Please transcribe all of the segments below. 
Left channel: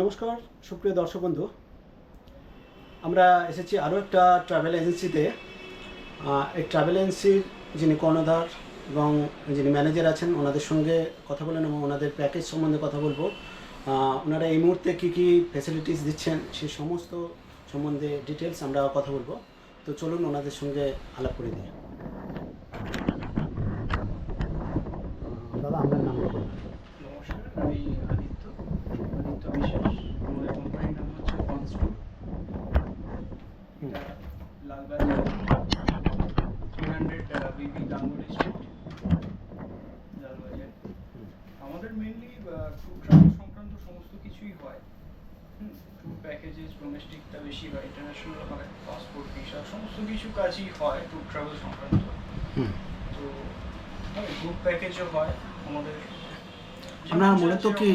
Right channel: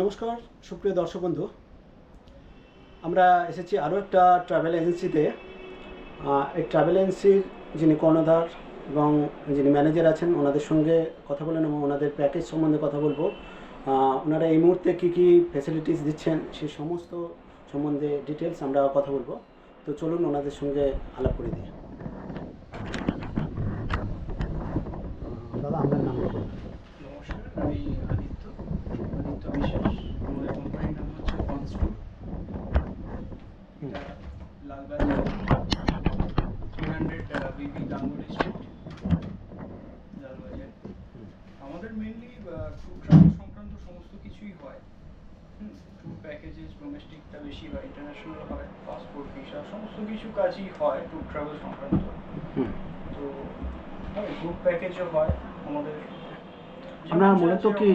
নমস্কার সুপ্রিয় দর্শক বন্ধু, আমরা এসেছি আরও একটা ট্রাভেল এজেন্সিতে। এই ট্রাভেল এজেন্সির যিনি কর্ণধার এবং যিনি ম্যানেজার আছেন ওনাদের সঙ্গে কথা বলেন এবং ওনাদের প্যাকেজ সম্বন্ধে কথা বলবো। ওনারা এই মুহূর্তে কী কী ফ্যাসিলিটিস দিচ্ছেন সেই সমস্ত সম্বন্ধে ডিটেলস আমরা কথা বলবো। তো চলুন ওনাদের সঙ্গে আলাপ করে দিই। দাদা, আপনার নামটা বলুন। নমস্কার, আমি আদিত্য বিশ্বাস। আমাদের কোম্পানির নাম হচ্ছে কনস্ট্রুট। এটা লালবাজার 300 বিবি গাঙ্গুলি স্ট্রিট, লালবাজার। আমাদের মেনলি ট্যুর ট্রাভেল সংক্রান্ত সমস্ত কিছুই হয়। ট্যুর প্যাকেজেস ডোমেস্টিকটা বেশি হয়, ইন্টারন্যাশনাল হয়, পাসপোর্ট ভিসা সমস্ত কিছু কাজই হয় ট্যুর ট্রাভেল সংক্রান্ত। তো গ্রুপ প্যাকেজও হয় আমাদের। আপনারা মূলত কি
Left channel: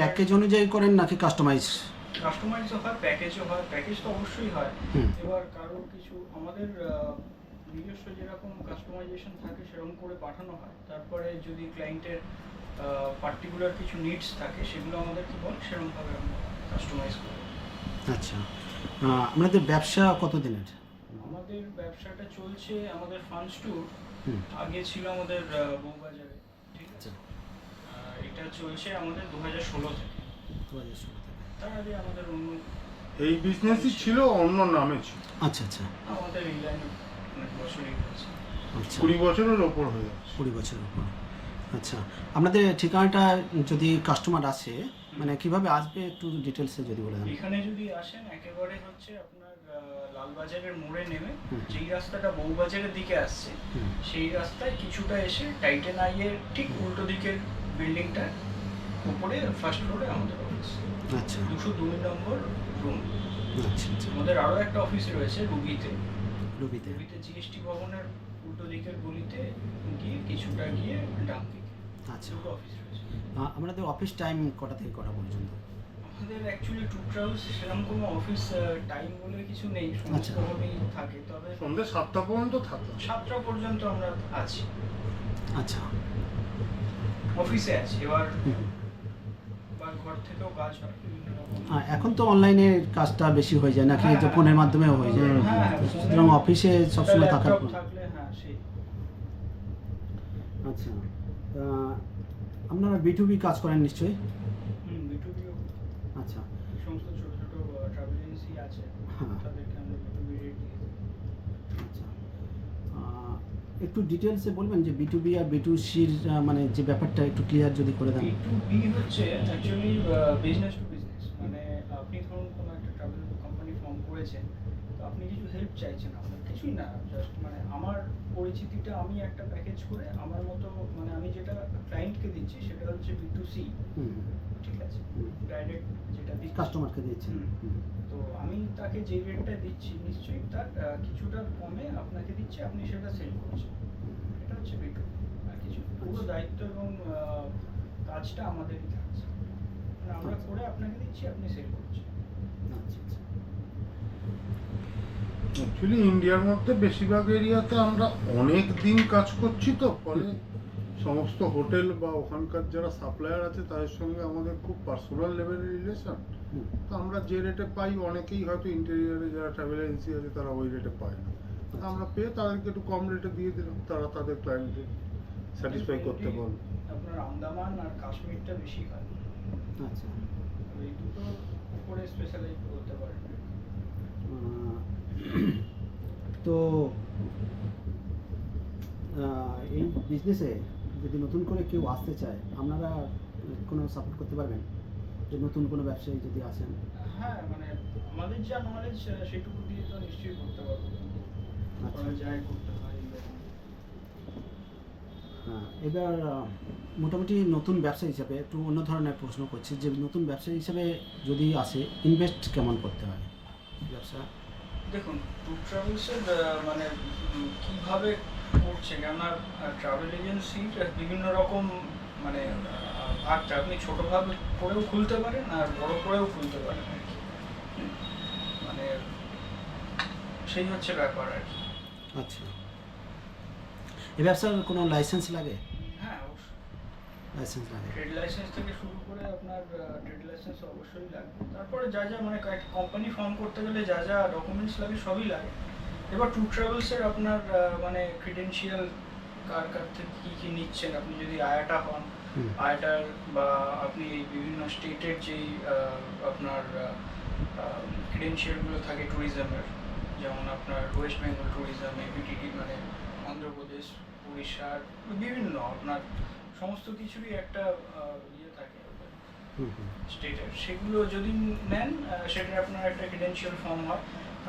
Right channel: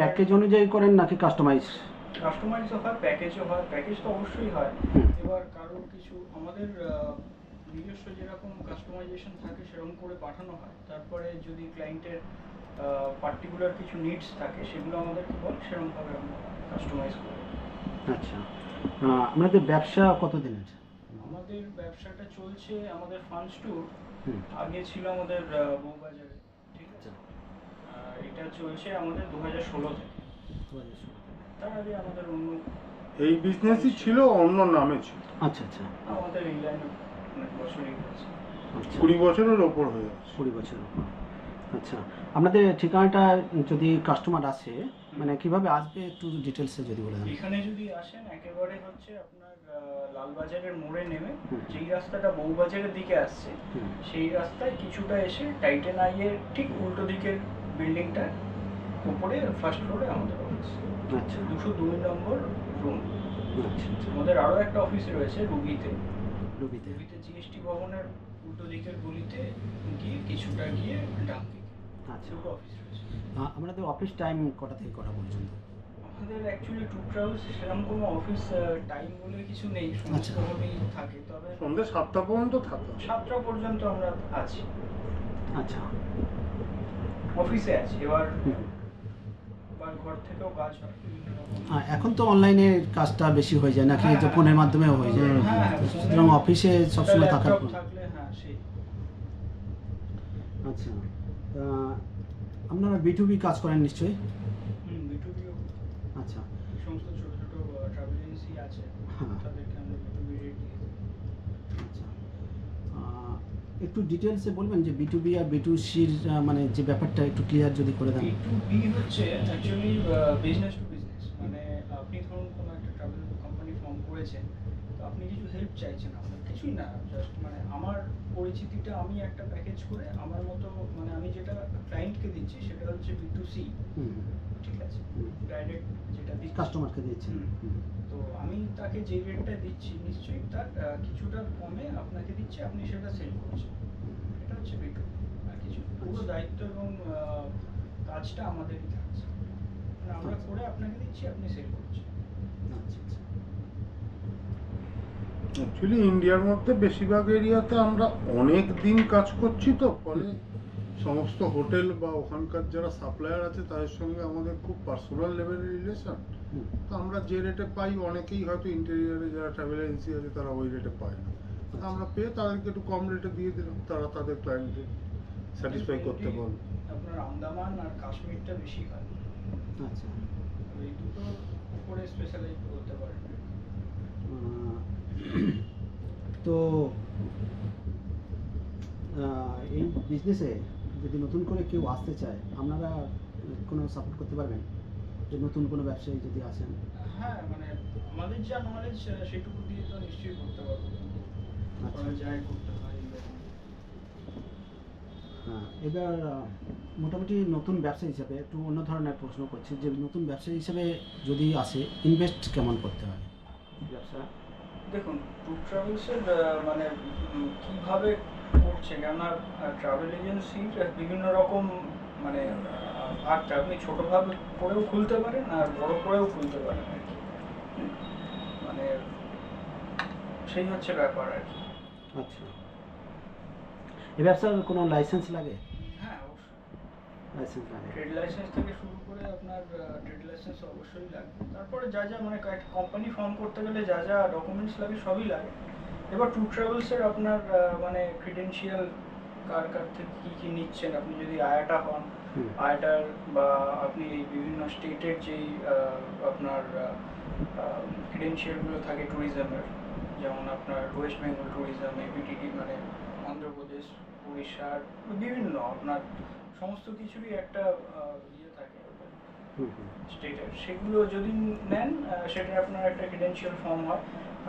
প্যাকেজ অনুযায়ী করেন নাকি কাস্টমাইজও হয়, প্যাকেজও হয়। প্যাকেজ তো অবশ্যই হয়। এবার কারোর কিছু আমাদের নিজস্ব যেরকম কাস্টমাইজেশন থাকে সেরকম করে পাঠানো হয়। তারপরে যদি ক্লায়েন্টের পার্টিকুলার কিছু নিডস থাকে সেগুলো আমাদেরকে বলে, সেরকমভাবে আমরা কাস্টমাইজ করি। আচ্ছা, আপনাদের ব্যবসা কতদিনের? আমাদের ব্যবসাটা চলছে, আমাদের ফান্ডস ট্যুর আগে ছিল আমাদের বউবাজারে, ঠিক আছে। এটা চলছে আমাদের 2016 থেকে। 2016 থেকে। তার আগে আমাদের অন্য এই বিজনেসই ছিল, অন্য নামে ছিল। আচ্ছা আচ্ছা, আমাদের এই লাইনে অনেক বছরই হয়েছে। আচ্ছা 20 বছরের ওপর হয়ে যাচ্ছে। 20 বছরের উপর। আচ্ছা, আপনাদের ঠিকানাটা যদি কাস্টমার আসে মানে কিভাবে আসবে একটু ডিটেলসে যদি বলে দেন। এখানে যদি আসেন একেবারে হচ্ছে আপনার লালবাজারের মোড়ে নেমে যেই রাস্তাটা বউবাজারের দিকে আসছে সেই রাস্তায় কিছুটা এসে টাইটেন আইয়ের ঠিক উল্টো দিকের বিল্ডিংটা উপরে ফার্স্ট ফ্লোরে আমাদের অফিস। আচ্ছা 202 নম্বর রুম। আচ্ছা আচ্ছা, আমাদের আরও একটা অফিস রয়েছে রুবিতে। রুবিতে। জিএসটি ভবনের উল্টো দিকের গলিতে গিয়ে কিছুটা গিয়ে ডান দিকে আচ্ছা, দুটো অফিস রয়েছে। আপনাদের অফিস টাইম কটা থেকে কটা পর্যন্ত? আমাদের অ্যাকচুয়ালি ট্যুর ট্রাভেলস সেরকম কোনো অফিস টাইম বলে কিছু নেই, সমস্ত ভাবেই থাকে। তবে সন্ধ্যে 7টা পর্যন্ত থাকে। 7টা পর্যন্ত আমরা আছি, আচ্ছা, অফিসে আছি। এবার ঘর থেকেও কাজ হয় বিভিন্ন রকম। এখন তো অনলাইনে কাজটা বেশি হয়ে যায় নাকি, যে ফোনের মাধ্যমেও হয়ে যায়। সুতরাং অফিসে সবসময় থাকার থাকলে হ্যাঁ সেই। আচ্ছা, আপনারা B2B কাজ করেন নিশ্চয়ই? বিটুবিও। আচ্ছা, এই সমস্ত ছোট ছোট ট্রাভেল এজেন্সি আছে, তাদেরকে আমরা বিটুবি রেট দিয়ে দিই। আচ্ছা, একটু ডিটেলসে বলবেন যে B2B আর B2Cর মানে যে ব্যাপারটা একটু ক্লিয়ার যদি করে দেন। B2B হচ্ছে অ্যাকচুয়ালি বিজনেস টু বিজনেস। মানে আপনি ধরুন কোনো একটা ট্রাভেল কোম্পানি ফর্ম করেছেন, তো আপনি কিছু হেল্প চাইছেন আমাদের, কিছুই না, জাস্ট মানে আমার পরিচিতিটা আমি একটা প্যাকেজ করে আমার মতো, মানে আমি যেটা ক্লায়েন্টকে দিচ্ছি সেটা হচ্ছে B2C, ঠিক আছে, ডাইরেক্ট যেটা দিচ্ছি কাস্টমারকে দিয়েছেন। তো আমি তাকে যে রেটটা দিচ্ছি নিশ্চয়ই তার কিছুটা কমে আপনাকে দিচ্ছি, আপনি সেটা সেল করছেন। এটা হচ্ছে B2B। আর কিছু পুরো দায়িত্ব এবং কাজটা আমাদেরই থাকছে, মানে আমরা করে আপনাকে দিচ্ছি, আপনি সেল করছেন। আচ্ছা আচ্ছা, অ্যাকচুয়ালি ইন্ডিয়ার মধ্যে বেশিরভাগ এরিয়াতে আমরা অনেক দিন কাজ করছি, তো ফলে সমস্ত হোটেল বা ওখানকার যারা সাপ্লায়ার আছে তাদের সঙ্গে আমাদের খুব পার্সোনাল লেভেলের রিলেশন। তো আমরা যে রেটে পাই, অনেকেই হয়তো ইন্টেরিয়ারে যারা ট্রাভেল এজেন্সি আছে তারা ওই রেটে পায় না। আমরা পেয়ে তাদেরকে একটু কম রেটে দিয়ে দিলাম, তারা তাদের ক্লায়েন্টদের স্যাটিসফাই করতে পারবে। আপনার আন্দামান আর কাশ্মীরটা বেশি হয়। আচ্ছা, এই দুটো উপরে স্পেশালাইজ করতে পারেন। তো এই বিজনেসে যদি নতুন করে কেউ আসতে চায় আপনারা কোনো সাপোর্ট করতে পারবেন? যে নতুন কোনো ব্যবসায়ী যদি আসেন? হ্যাঁ, মানে আমাদের যা নলেজ সেটুকু দিয়ে তো নিশ্চয়ই করতে পারবো। আচ্ছা, যাই করতে হয় এরকম। হ্যাঁ, এবার মোটামুটি নতুন ব্যবসা হিসাবে একটু অন্য ধরনের প্রশ্ন করছি, যে নতুন ব্যবসায়ী হিসেবে যদি আসে ইনভেস্ট কেমন করতে হয় ব্যবসা? দেখুন, ট্যুর ট্রাভেলসের মানে কীভাবে করছে, কেননা ট্রাভেল এজেন্সির বিভিন্ন রকম মানে ভাগটা আপনি ছোটোভাবে করেও খুলতে পারেন আর বড় করেও খুলতে পারেন আর কি। মানে সেই হচ্ছে ব্যাপার আর কি। আচ্ছা, এই ব্যবসার কোনো লাইসেন্স লাগে? হ্যাঁ অবশ্যই। লাইসেন্স লাগে। ট্রেড লাইসেন্স থেকে শুরু করে আপনার ট্রেড লাইসেন্স অবশ্যই লাগবে। তারপরে যা যা মানে একটা কোম্পানি ফর্ম করতে গেলে যা যা ডকুমেন্টস লাগে সবই লাগে। এবার ট্যুর ট্রাভেলসের আপনার মানে ক্রিডেন্সিয়াল কার কার থেকে কী কী নিচ্ছেন, আপনি যদি আয়াটা হন, হুম। আয়াটার বা আপনি এই বিভিন্ন স্টেটের যেই আপনার ক্রিডেন্সিয়ালগুলো থাকে ট্যুরিজমের, যেমন আপনার ওয়েস্ট বেঙ্গল ট্যুরিজম, এপিটিটি মানে অন্ধ্রপ্রদেশ, উড়িষ্যার বিভিন্ন আপনার সমস্ত কিছুরই একটা ইয়ে থাকে হুম হুম। স্টেটের, সেগুলো যদি নেন সেটার আপনার একটা ক্রিডেন্সিয়াল ফর্ম হয়,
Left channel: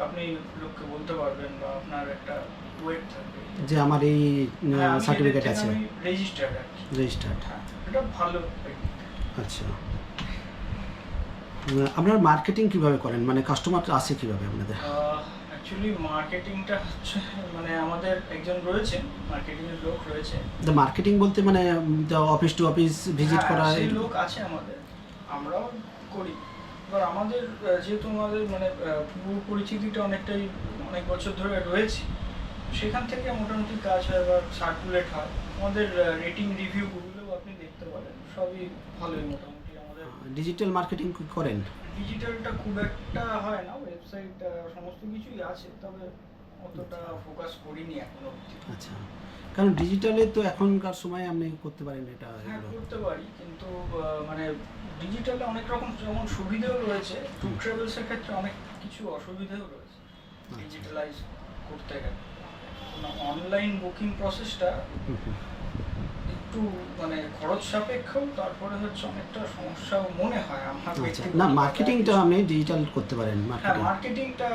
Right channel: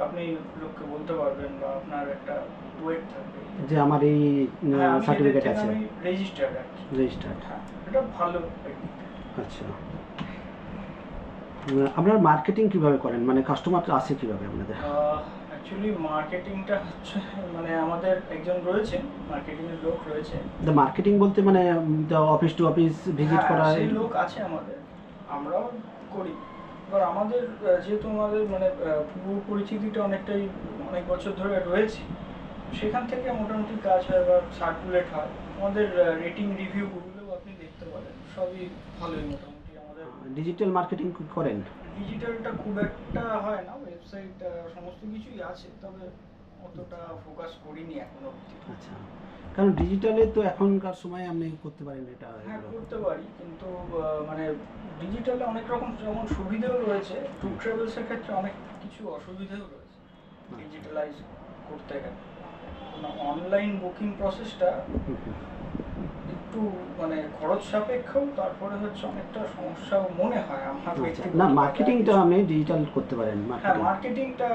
আপনি লোককে বলতে পারবেন বা আপনার একটা ওয়েট থাকবে যে আমার এই সার্টিফিকেট আছে, রেজিস্টার্ড আর কি। রেজিস্টার্ড। হ্যাঁ, এটা ভালো একদিক। আচ্ছা, আপনারা মার্কেটিং কিভাবে করেন, মানে কাস্টমার আসে কিভাবে আপনাদের? অ্যাকচুয়ালি মার্কেটিংটা হচ্ছে মানে আমাদের একজন রয়েছেন, মার্কেটিংয়ের লোক রয়েছে। মার্কেটিং বলতে মানে অফিস টু অফিস ভিজিট হ্যাঁ, করা? সেই লোক আছে আমাদের, আমরাও করি। এবার আমাদের যেহেতু আমাদের মানে পূর্ব পরিচিতিটা অনেকটাই অনেক বছর ধরে রয়েছে, সেখান থেকে মোটামুটি কাজ হয়, এবার সার্কুলেট হয়। আমাদের রেটিং রিভিউগুলোও আপনি দেখতে পারেন, সবই ভালোই মোটামুটি। আমাদের ডিজিটাল মার্কেটিং করেন? ডিজিটালটা খুব একটা হয় না, ওয়েবসাইট সমস্ত কিছুই আছে, তবে অতটা ফোকাস করিনি এখনো অবধি। আচ্ছা, কারণ ডিজিটালে তো এখনকার সময় আপনি করতে পারেন এটা। হ্যাঁ, করতে পারি, কিন্তু মানে ডিজিটালে অনেক রকম যেমন সুবিধাও রয়েছে, ট্যুর ট্রাভেলসের ক্ষেত্রে অনেক কিছু অসুবিধাও রয়েছে ডিজিটালাইজ করতে গেলে। অনলাইন বুকিং প্রসেসটা একটু মানে খরচ সাপেক্ষ, তারপরে হচ্ছে অনেকটা সমস্যাও মনে হয় আমার আচ্ছা, ব্যক্তিগত। না মার্কেটিংটা আপনি ডিজিটাল করতে পারেন। হ্যাঁ, মার্কেটিংটা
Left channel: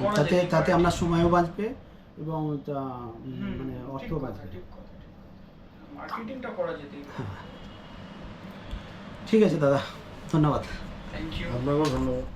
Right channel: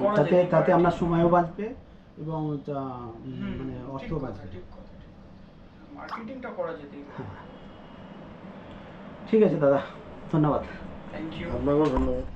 করা তাতে যেতেই তাতে পারে। আপনার সময়ও বাঁচবে এবং হুম, মানে ঠিক অর্থ কথা, বাঁচবে। ঠিক কথা, ঠিক কথা। মার্কেটিংটা করা যেতেই পারে। হ্যাঁ, ঠিক আছে দাদা, ধন্যবাদ। Thank you. আপনাকেও ধন্যবাদ।